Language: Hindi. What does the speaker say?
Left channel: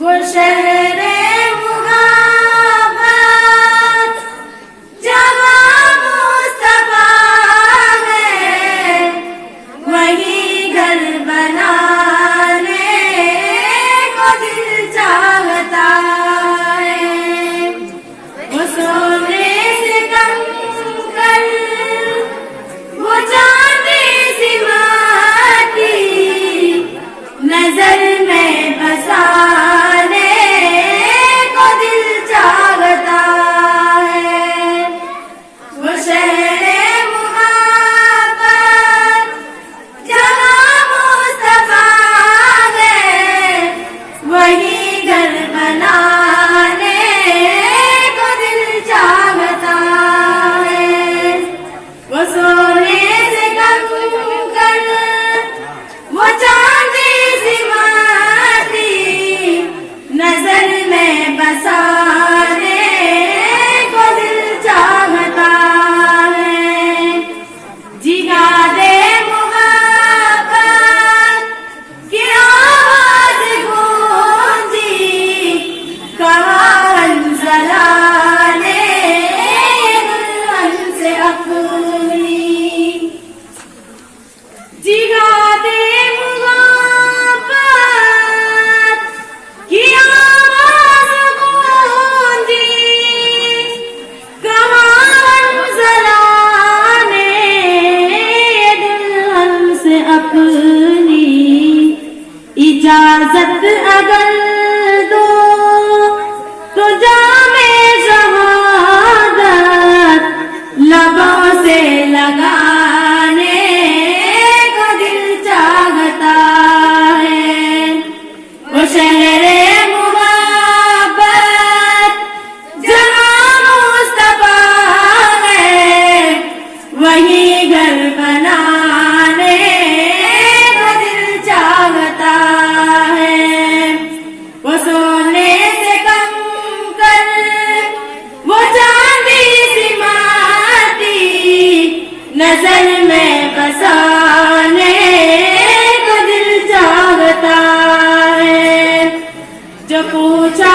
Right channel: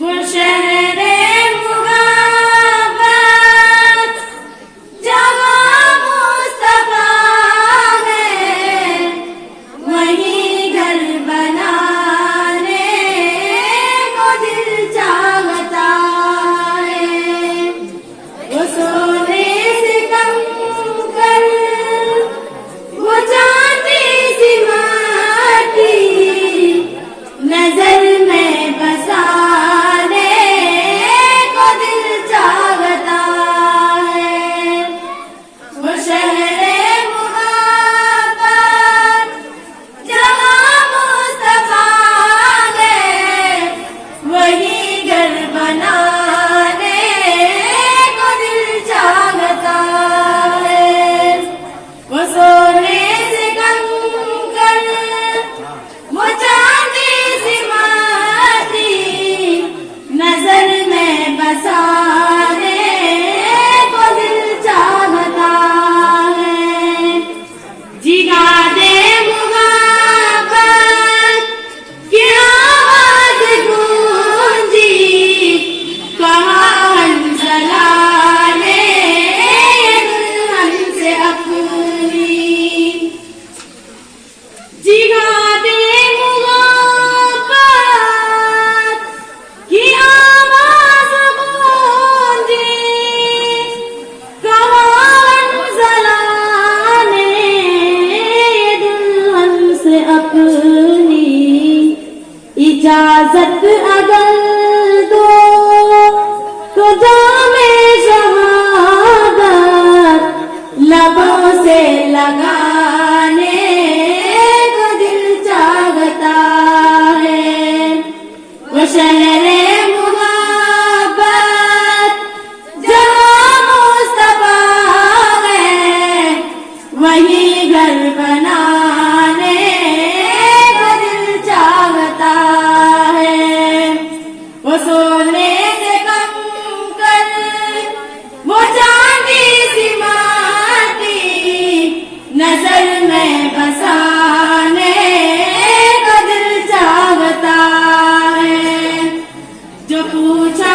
वो शहरे मुहब्बत जहाँ मुस्तफा है, वही घर बनाने को दिल चाहता है। वो सोने से कम कर वो चांदी सी माटी नजर में बसाने को दिल चाहता है। वो शहरे मुहब्बत जहाँ मुस्तफा है, वही घर बनाने को दिल चाहता है। वो सोने से कम कर वो चांदी सी माटी नजर में बसाने को दिल चाहता है। जिगा दे मुहब्बत की आवाज गूंजी, कहा हंसला ने दुल्हन से अपनी। जिगा दे मुहब्बत की आवाज गूंजी, कहा हंसला ने दुल्हन से अपनी। इजाजत अगर दो तो जामे शहादत लबों से लगाने को दिल चाहता है। वो शहरे मुहब्बत जहाँ मुस्तफा है, वही घर बनाने को दिल चाहता है। वो सोने से कम कर वो चांदी सी माटी नजर में बसाने को दिल चाहता है। जो पूछा